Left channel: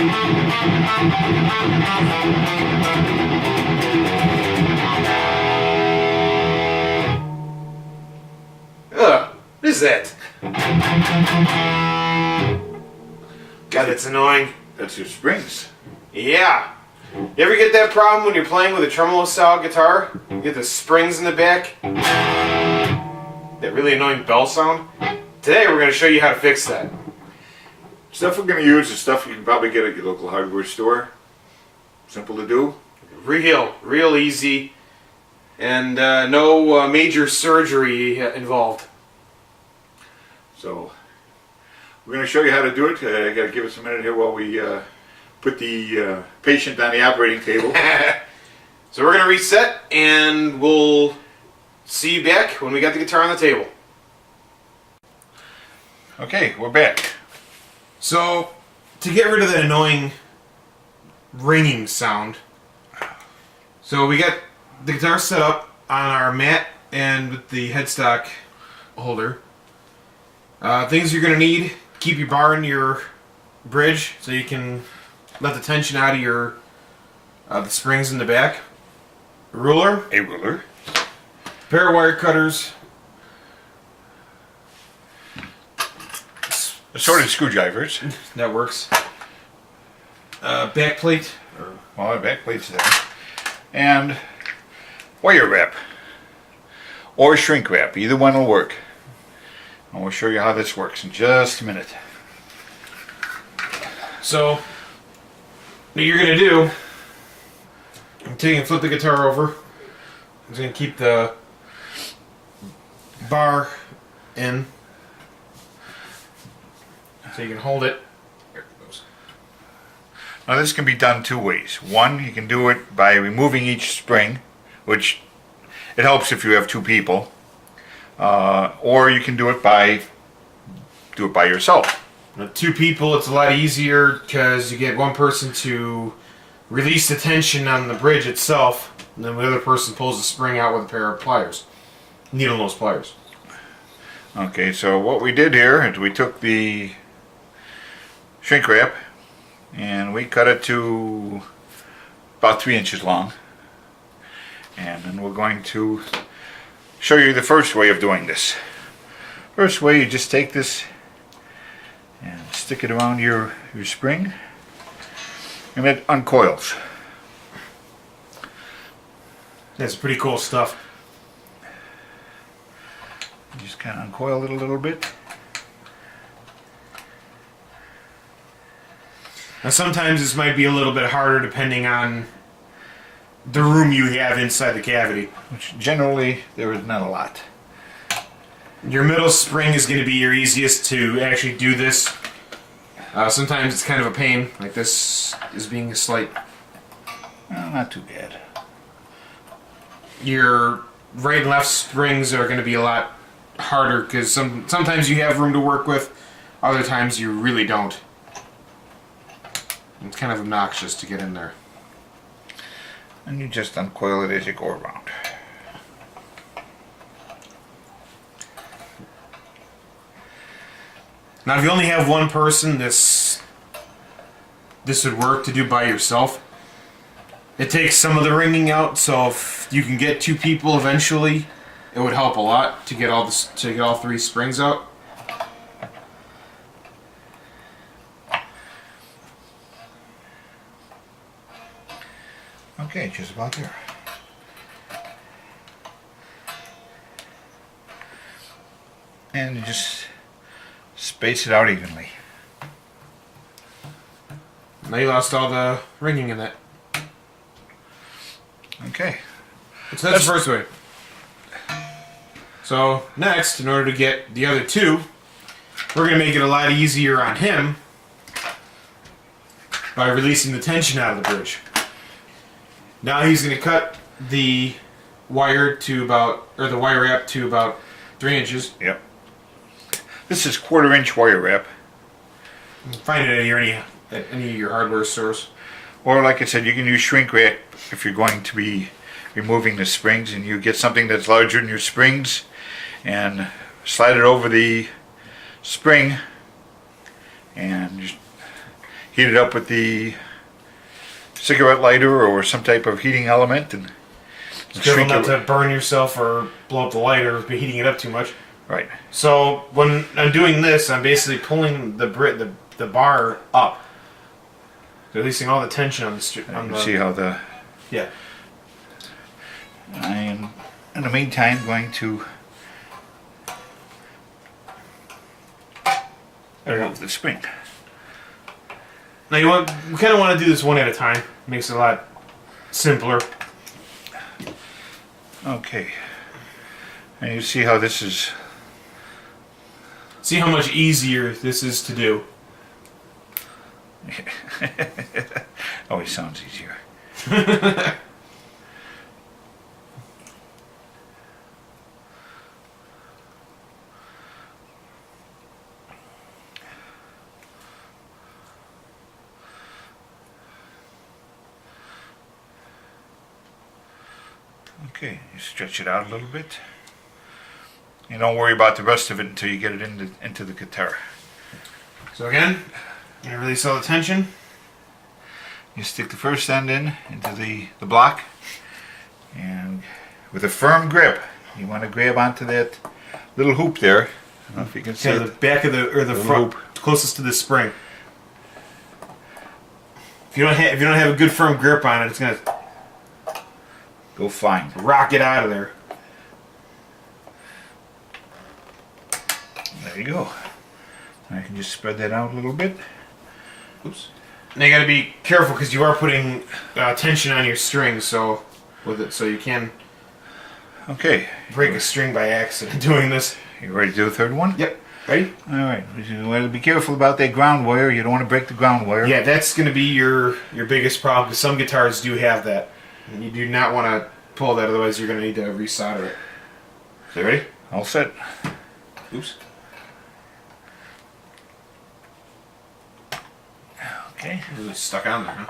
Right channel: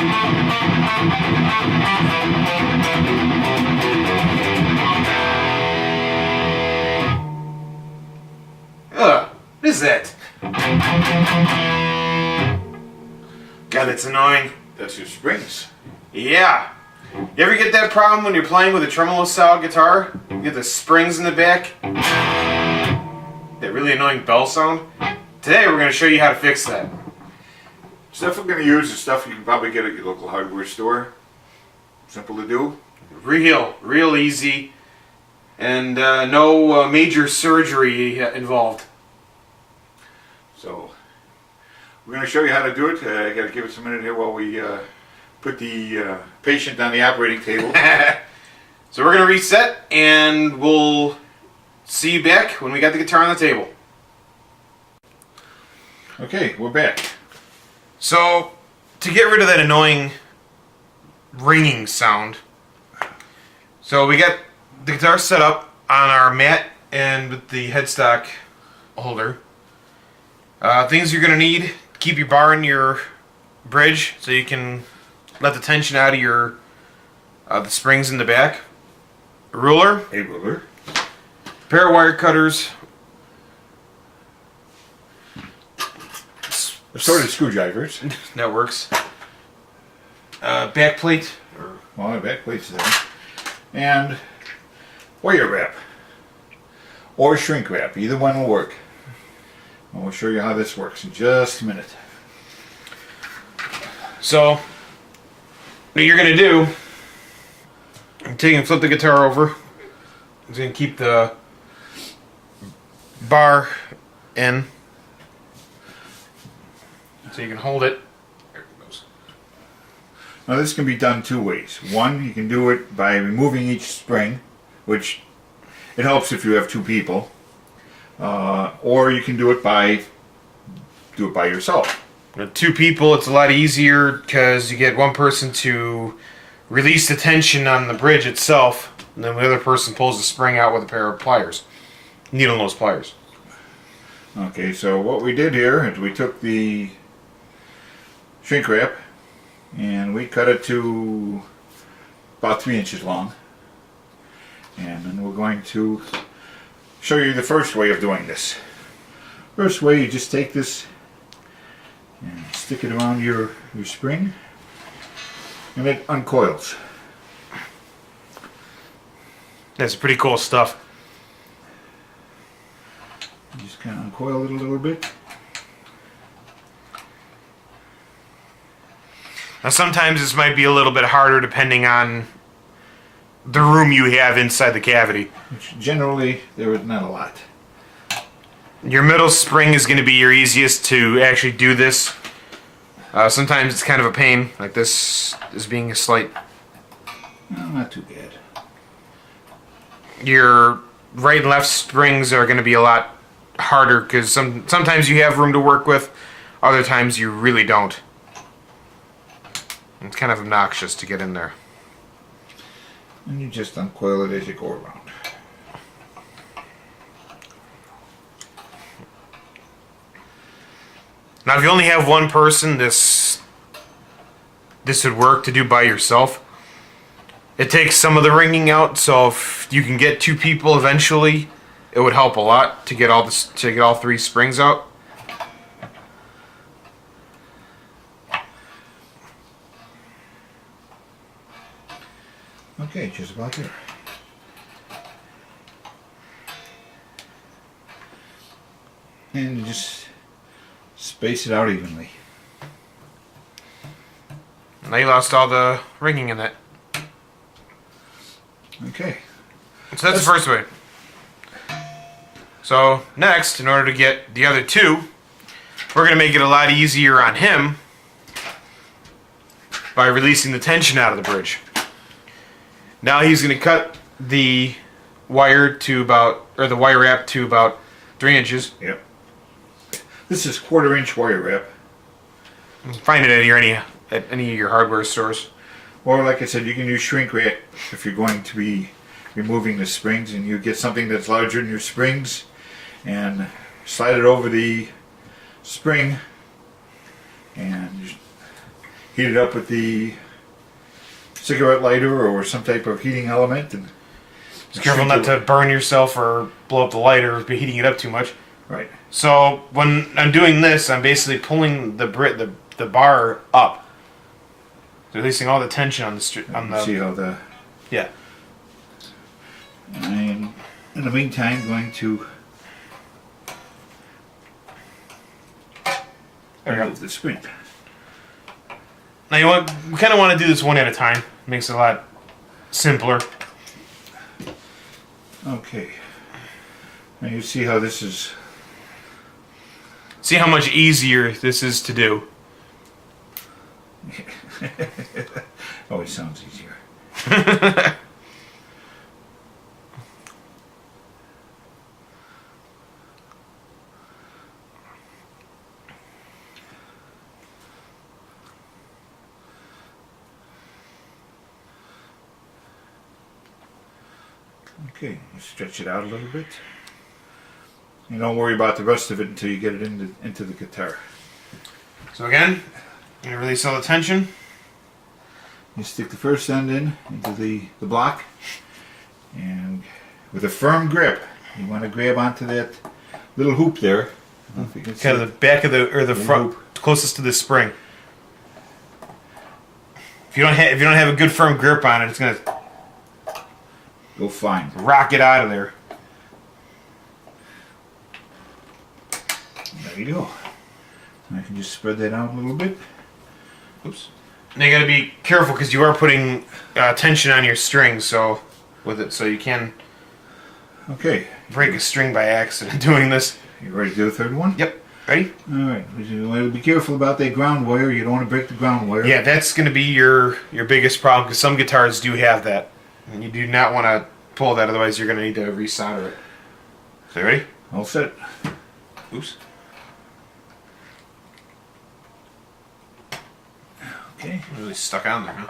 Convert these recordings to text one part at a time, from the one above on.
What is that? God, that's annoying. That's your springs. Yeah. You ever get that problem when you're playing with a tremolo style guitar? You get the springs in the back? That really annoying bell sound? Today we're going to show you how to fix that. Stuff we're going to use is stuff you can probably get at your local hardware store. Simple to do. Real easy. And no major surgery involved. So, we're going to show you how to do it. I got to give us a minute here while we put the patient on the operating table. So we're going to reset and we'll see you back when we got the guitar on the table. Okay, we're back. So, to get rid of that annoying ringing sound, so we got the guitar set up on our mat and with the headstock holder. Things you're going to need: keep your bar in your bridge so you can let the tension out of your the springs in the back. A ruler, pair of wire cutters, assorted screwdrivers. That works. Back plate. Well, the back plate's there. And wire wrap. Or shrink wrap. Either one will work. And we'll show you how this works in just a minute. So, what you're going to do, take and flip the guitar over. It's going to keep the bar in so you can hold it. There it goes. Now this can be done two ways. One, you can do it by removing each spring, which it helps if you have two people. Or you can do it by yourself. With two people, it's a lot easier because you get one person to release the tension on the bridge itself, and then the other person pulls the spring out with a pair of pliers, needle nose pliers. Okay, so what we did here is we took the shrink wrap and we cut it to about 3 inches long, and then we're going to show you the first way of doing this. First way, you just take this and stick it around your spring, and it uncoils. That's pretty cool stuff. You just kind of uncoil it a little bit. Now sometimes this might be a little bit harder depending on the room you have inside the cavity. Which generally there is not a lot. Your middle spring is going to be your easiest to actually do this. Sometimes it's kind of a pain, like this is being a slight. Not too bad. Your right and left springs are going to be a lot harder because sometimes you have room to work with, other times you really don't. It's kind of obnoxious to get in there. And you just uncoil it as you go around. Now if you only have one person, this would work to do by yourself. It takes some of the ringing out, so if you can get two people eventually, it would help a lot to get all three springs out. Okay, just about there. And you just space it out evenly. Now you lost all the ringing in that. Okay. So that's the first way. So next, in order to get the other two, we're going to make it a lot easier on him by releasing the tension out of the bridge. Now he's going to cut the wire to the wire wrap to about 3 inches. Yep. This is 1/4 inch wire wrap. Find it at any of your hardware stores. Or like I said, you can use shrink wrap if you're going to be removing the springs, and you get something that's larger than your springs and slide it over the spring, and heat it up with the cigarette lighter or some type of heating element, and Just careful not to burn yourself or blow up the lighter by heating it up too much. Right. So when I'm doing this, I'm basically pulling the bar up, so releasing all the tension on the See how the yeah. I'm in the meantime going to remove the spring. Now we kind of want to do this one at a time. It makes it a lot simpler. Okay. And you see how this is. See how much easier this is to do. Always sounds easier. Okay, you stretch it out a little bit. You don't worry about the rest of it until you get it into the guitar. So again, I'm gonna release all the tension. You stick the first end into the block, and with a firm grip, you want to grab onto that little hoop there. I don't know if you can see Kind of the back of the front, closest to the spring. If you don't have a good firm grip on it, it's gonna go fine. rock it out of there. There you go. I can just spread that out a little bit. Oops. Now you got to be careful because you are putting tension on your strings, so you can break a string by accident doing this. You ready to do the third one? Yep. Ready? All right. You want to be careful about that ground wire. You don't want to break the ground wire. Yeah, that's going to be your biggest problem because some guitars do have that, and you do not want to pull that. Otherwise, you're going to need to resolder it. So, ready? All set. Oops. Okay. Really stuck on there, huh?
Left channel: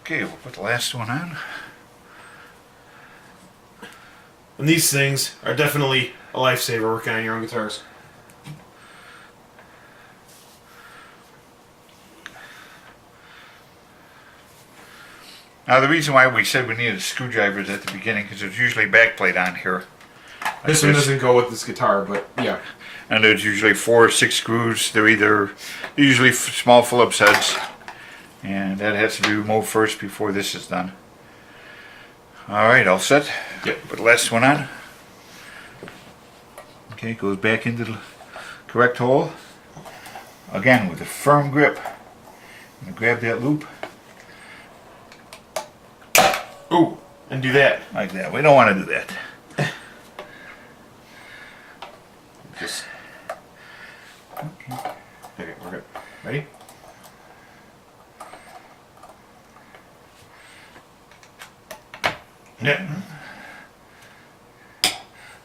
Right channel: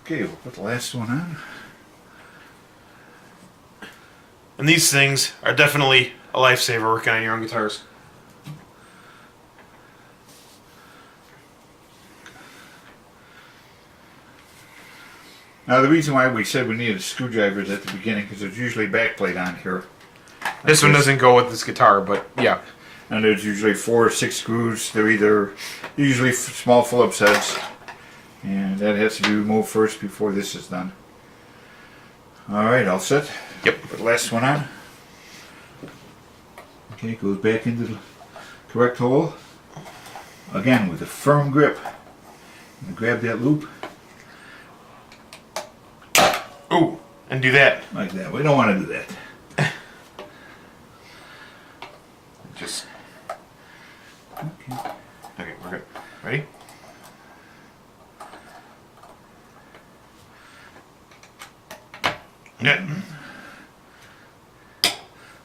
Okay, we'll put the last one on. And these things are definitely a lifesaver working on your own guitars. Now, the reason why we said we needed screwdrivers at the beginning because there's usually a backplate on here. This one doesn't go with this guitar, but yeah. And there's usually 4 or 6 screws. They're usually small Phillips heads. And that has to be removed first before this is done. Alright, all set? Yep. Put the last one on. Okay, it goes back into the correct hole. Again, with a firm grip. I'm going to grab that loop. Ooh, and do that. Like that. We don't want to do that. Just... Okay, we're good. Ready? Yeah.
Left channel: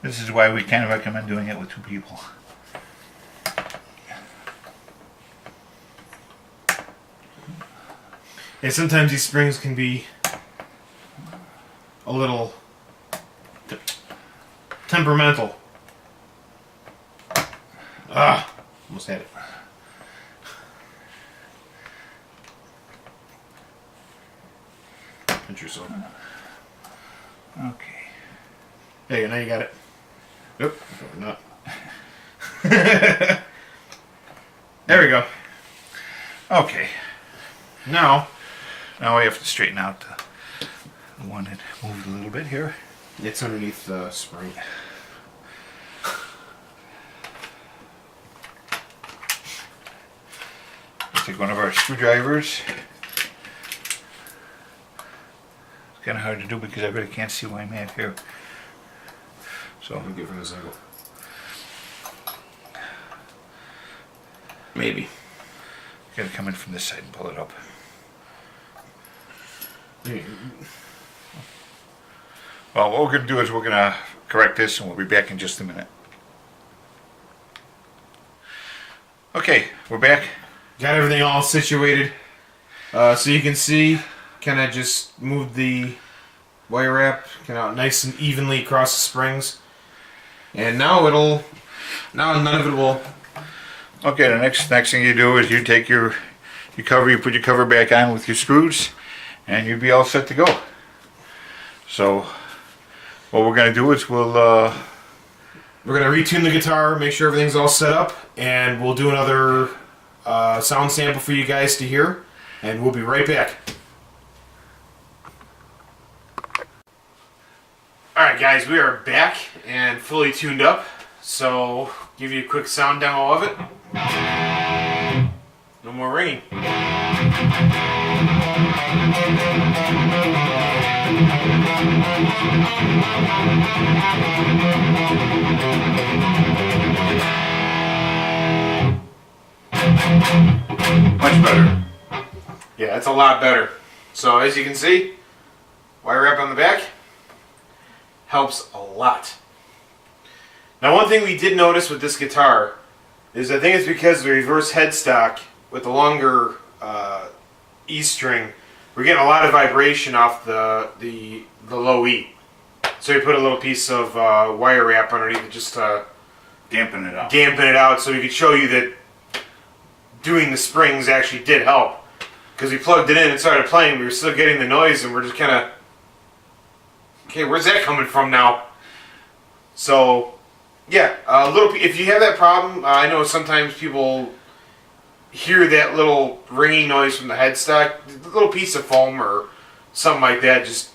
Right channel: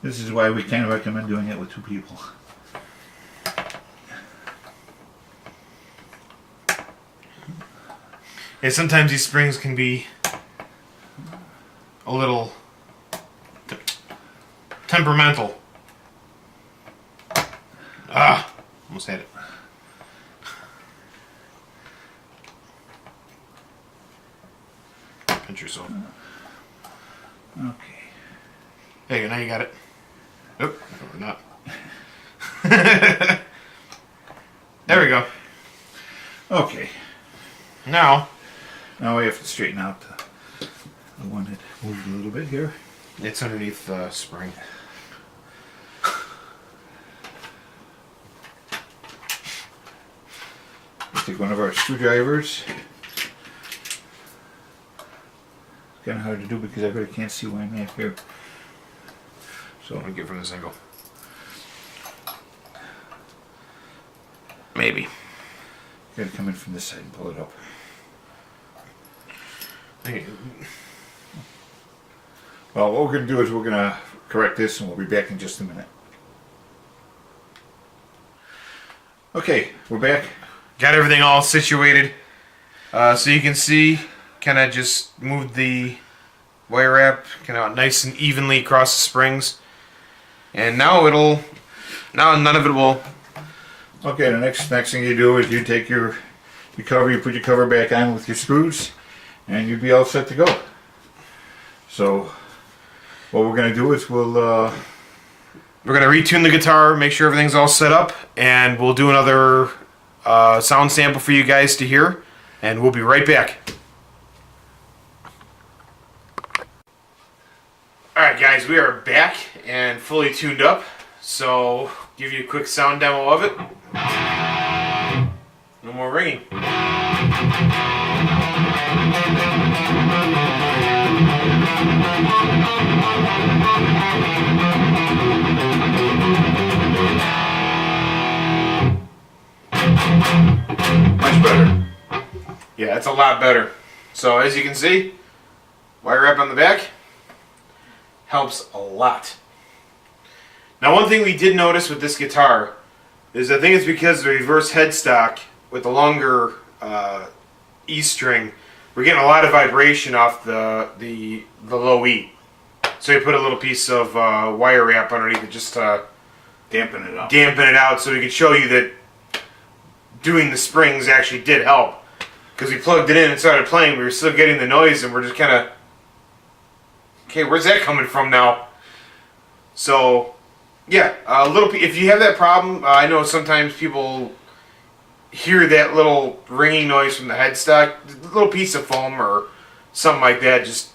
This is why we can't recommend doing it with 2 people. Yeah, sometimes these springs can be a little temperamental. Ah, almost had it. Pinch yourself. Okay. There you go, now you got it. Nope, or not. There we go. Okay. Now Now we have to straighten out the one that moved a little bit here. it's underneath the spring. Take one of our screwdrivers. It's kind of hard to do because I really can't see why I'm at here. So let me get from this angle. Maybe. You gotta come in from this side and pull it up. Well, what we're gonna do is we're gonna correct this and we'll be back in just a minute. Okay, we're back. Got everything all situated. So you can see, kind of just moved the wire wrap kind of nice and evenly across the springs. And now Now none of it will. Okay, the next thing you do is you take your cover, you put your cover back on with your screws, and you'll be all set to go. So what we're going to do is we're going to retune the guitar, make sure everything's all set up, and we'll do another sound sample for you guys to hear, and we'll be right back. Alright guys, we are back and fully tuned up, so give you a quick sound demo of it. No more ringing. much better. Yeah, it's a lot better. So as you can see, wire wrap on the back helps a lot. Now one thing we did notice with this guitar is I think it's because the reverse headstock with the longer E string, we're getting a lot of vibration off the low E. So we put a little piece of wire wrap underneath it just to dampen it out. So we could show you that doing the springs actually did help. Because we plugged it in and started playing, we were still getting the noise and we're just kind of, okay, where's that coming from now? So, yeah, if you have that problem, I know sometimes people hear that little ringing noise from the headstock, a little piece of foam or something like that, just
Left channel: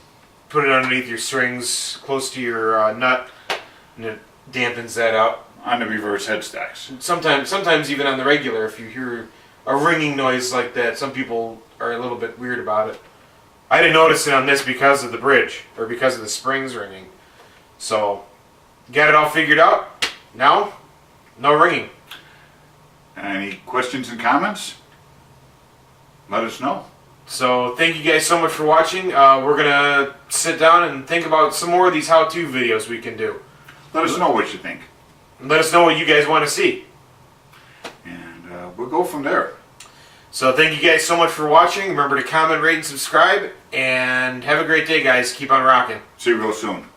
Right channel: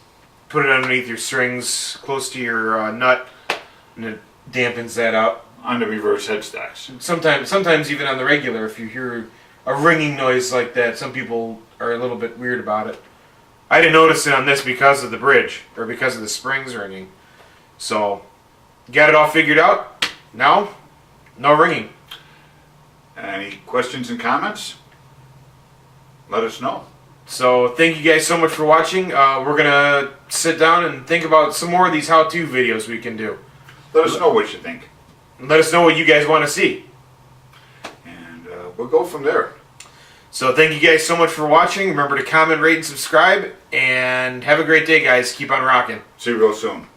put it underneath your strings close to your nut and it dampens that out. On the reverse headstocks. Sometimes even on the regular, if you hear a ringing noise like that, some people are a little bit weird about it. I didn't notice it on this because of the bridge, or because of the springs ringing. So, got it all figured out. Now, no ringing. Any questions and comments? Let us know. So, thank you guys so much for watching. We're going to sit down and think about some more of these how-to videos we can do. Let us know what you think. Let us know what you guys want to see. And we'll go from there. So thank you guys so much for watching. Remember to comment, rate, and subscribe. And have a great day, guys. Keep on rocking. See you real soon.